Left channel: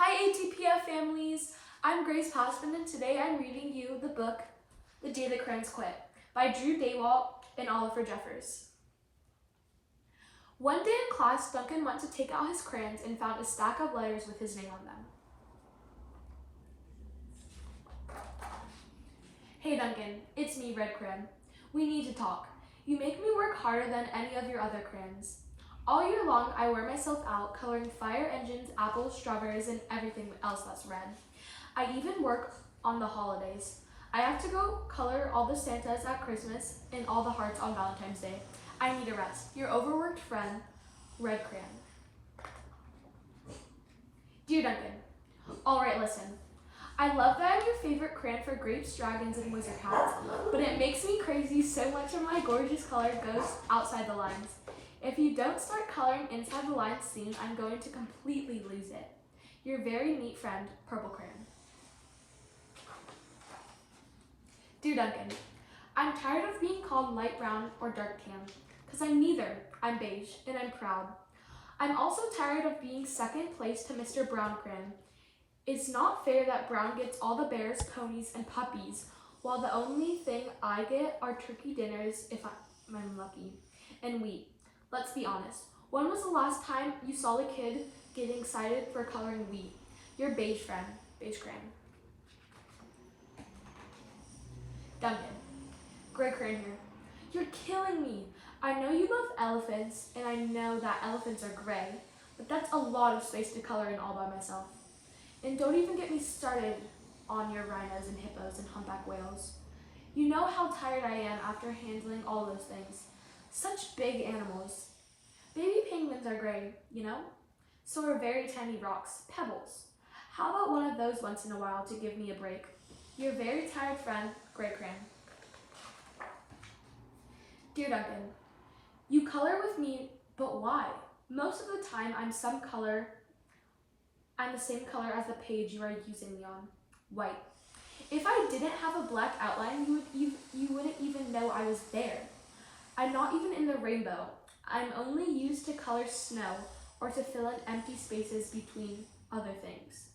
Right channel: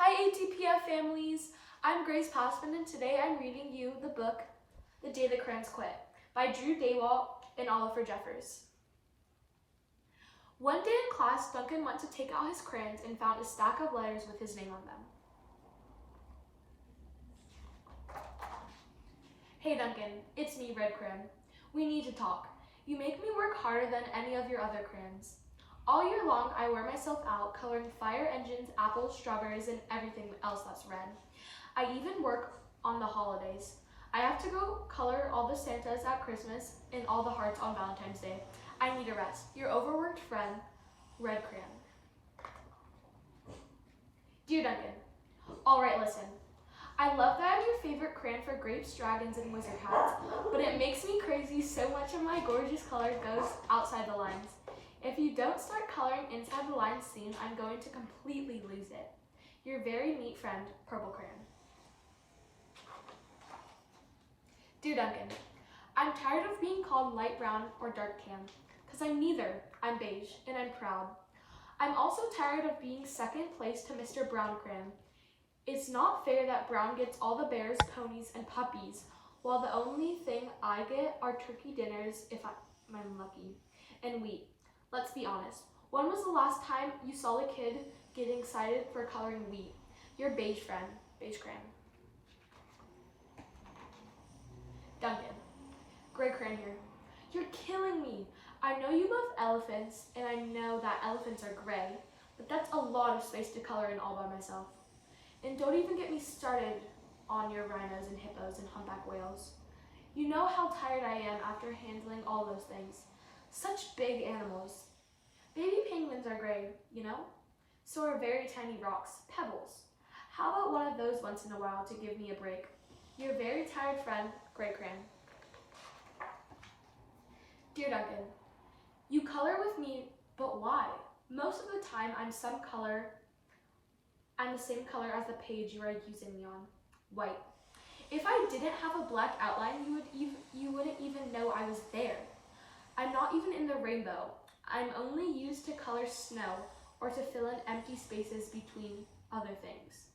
Hi ATPF families! I'm Grace Passman and today I'm reading you the book The Day the Crayons Quit by Drew Daywalt and Oliver Jeffers. One day in class, Duncan went to take out his crayons and found a stack of letters with his name on them. Hey Duncan, it's me, Red Crayon. We need to talk. You make me work harder than any of your other crayons. All year long, I wear myself out coloring fire engines, apples, strawberries, and everything else that's red. I even work on the holidays. I have to go color all the Santas at Christmas and all the hearts on Valentine's Day. I need a rest. Your overworked friend, Red Crayon. Dear Duncan, all right, listen. I love that I'm your favorite crayon for grapes, dragons, and wizard hats, but it makes me crazy so much of my gorgeous color goes outside the lines. If you don't start coloring inside the lines soon, I'm going to completely lose it. Your very neat friend, Purple Crayon. Dear Duncan, I'm tired of being called light brown or dark tan, because I'm neither. I'm beige, and I'm proud. I'm also tired of being second place to Mr. Brown Crayon. It's not fair that Brown gets all the bears, ponies, and puppies, while the only thing I get are turkey dinners if I'm lucky, and wheat. Let's be honest. When was the last time you saw a kid getting excited for coloring wheat? Your beige friend, Beige Crayon. Duncan, Gray Crayon here. You're killing me. I know you love elephants, and I know that elephants are gray, but that's a lot of space to color in all by myself. And don't even get me started on your rhinos and hippos and humpback whales. You know how tired I am after handling all those things. Such big animals. Baby penguins are gray, you know? So are very tiny rocks, pebbles. How about one of those once in a while to give me a break? Your very tired friend, Gray Crayon. Dear Duncan, you color with me, but why? Most of the time I'm the same color as the page you are using me on, white. If I didn't have a black outline, you wouldn't even know I was there. I'm not even in the rainbow. I'm only used to color snow or to fill in empty spaces between other things.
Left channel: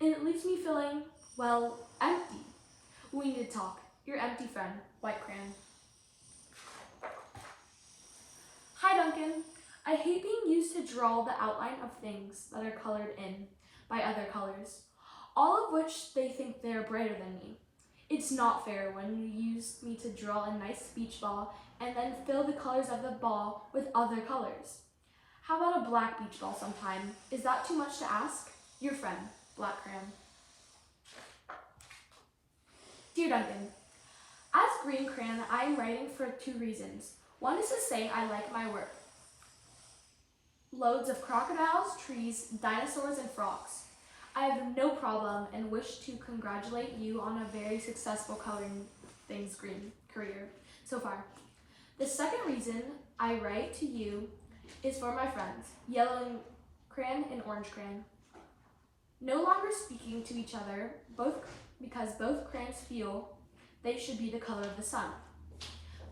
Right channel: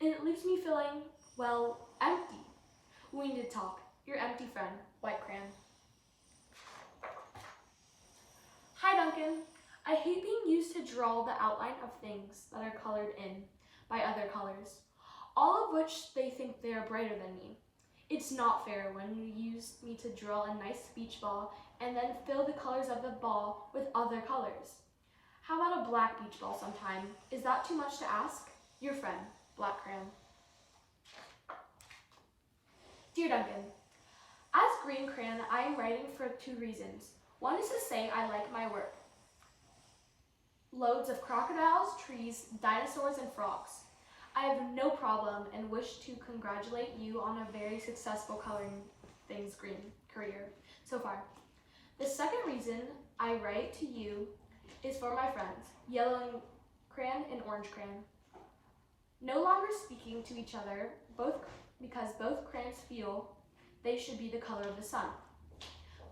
And it leaves me feeling, well, empty. We need to talk. Your empty friend, White Crayon. Hi Duncan. I hate being used to draw the outline of things that are colored in by other colors, all of which they think they are brighter than me. It's not fair when you use me to draw a nice beach ball and then fill the colors of the ball with other colors. How about a black beach ball sometime? Is that too much to ask? Your friend, Black Crayon. Dear Duncan, as Green Crayon, I am writing for two reasons. One is to say I like my work. Loads of crocodiles, trees, dinosaurs, and frogs. I have no problem and wish to congratulate you on a very successful coloring things green career so far. The second reason I write to you is for my friends, Yellow Crayon and Orange Crayon. No longer speaking to each other, because both crayons feel they should be the color of the sun.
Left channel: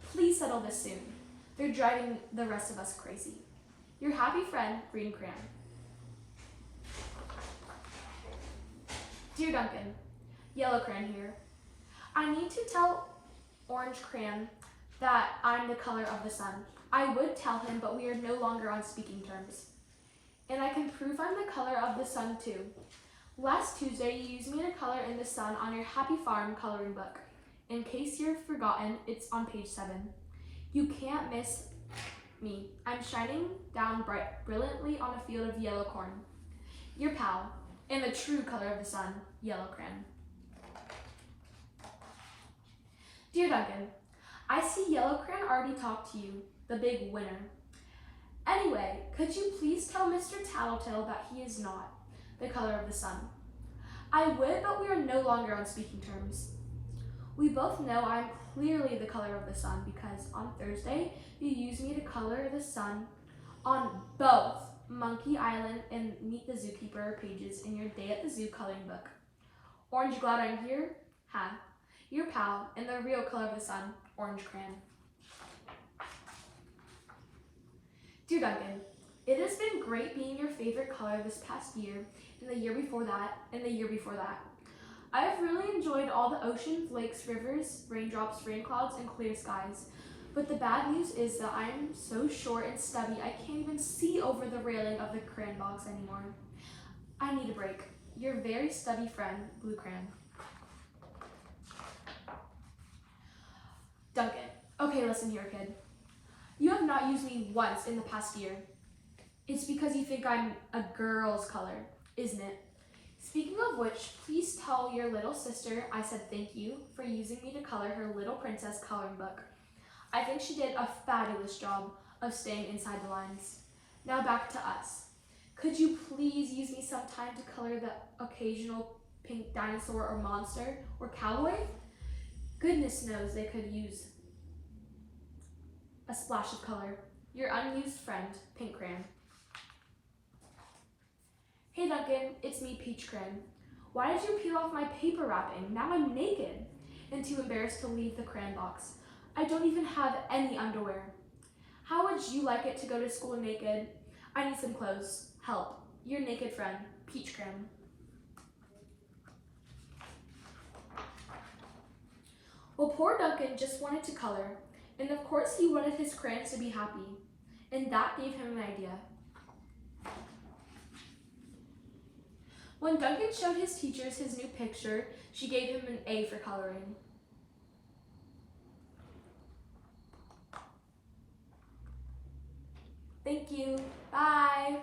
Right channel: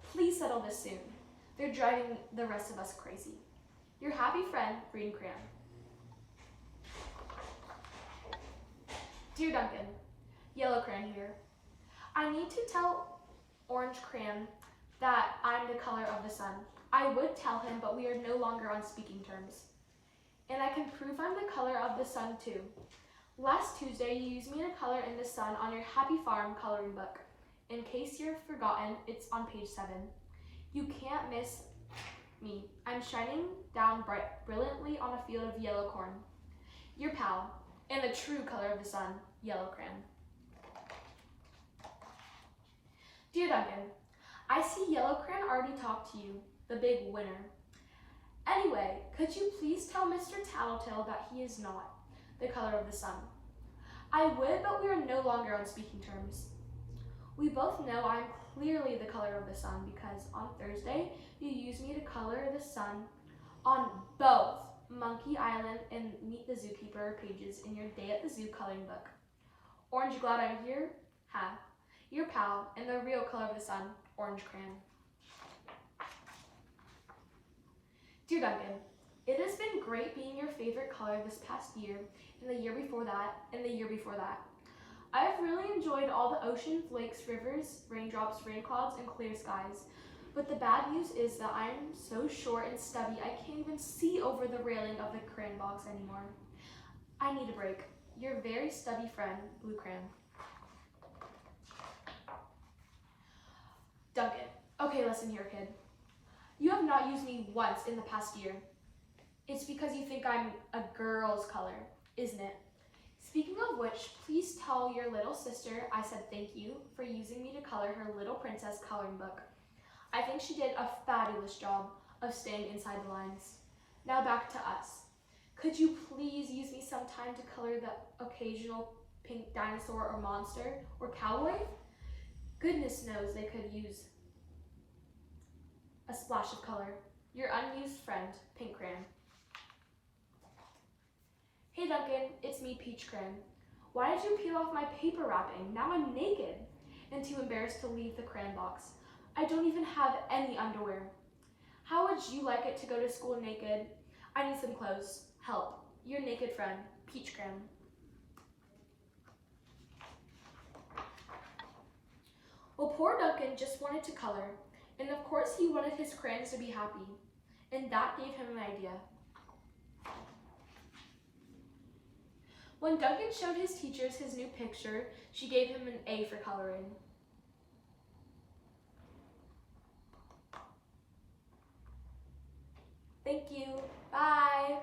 Please settle this soon. They're driving the rest of us crazy. Your happy friend, Green Crayon. Dear Duncan, Yellow Crayon here. I need to tell Orange Crayon that I'm the color of the sun. I would tell him, but we are no longer on speaking terms. And I can prove I'm the color of the sun too. Last Tuesday, you used me to color in the sun on your Happy Farm coloring book. In case you've forgotten, it's on page 7. You can't miss me. I'm shining down brilliantly on a field of yellow corn. Your pal, and the true color of the sun, Yellow Crayon. Dear Duncan, I see Yellow Crayon already talked to you, the big winner. Anyway, could you please tell Mr. Tattletale that he is not the color of the sun? I would, but we are no longer on speaking terms. We both know I'm clearly the color of the sun because on Thursday, you used me to color the sun on both Monkey Island and Meet the Zookeeper pages in your Day at the Zoo coloring book. Orange, glad I'm here? Ha. Your pal, and the real color of the sun, Orange Crayon. Dear Duncan, It has been great being your favorite color this past year, and the year before that, and the year before that. I have really enjoyed all the oceans, lakes, rivers, raindrops, rain clouds, and clear skies. But the bad news is that I'm so short and stubby I can't even see over the railing of the crayon box anymore. I need a break. Your very stubby friend, Blue Crayon. Duncan. Okay, listen here, kid. You have not used me once in the past year. It's because you think I'm a girl's color, isn't it? Speaking of which, please tell your little sister I said thank you for using me to color her little princess coloring book. I think she did a fabulous job of staying inside the lines. Now back to us. Could you please use me sometime to color the occasional pink dinosaur or monster or cowboy? Goodness knows they could use a splash of color. Your unused friend, Pink Crayon. Hey Duncan, it's me, Peach Crayon. Why did you peel off my paper wrapping? Now I'm naked and too embarrassed to leave the crayon box. I don't even have any underwear. How would you like it to go to school naked? I need some clothes. Help. Your naked friend, Peach Crayon. Well, poor Duncan just wanted to color, and of course he wanted his crayons to be happy, and that gave him an idea. When Duncan showed his teachers his new picture, she gave him an A for coloring. Thank you. Bye.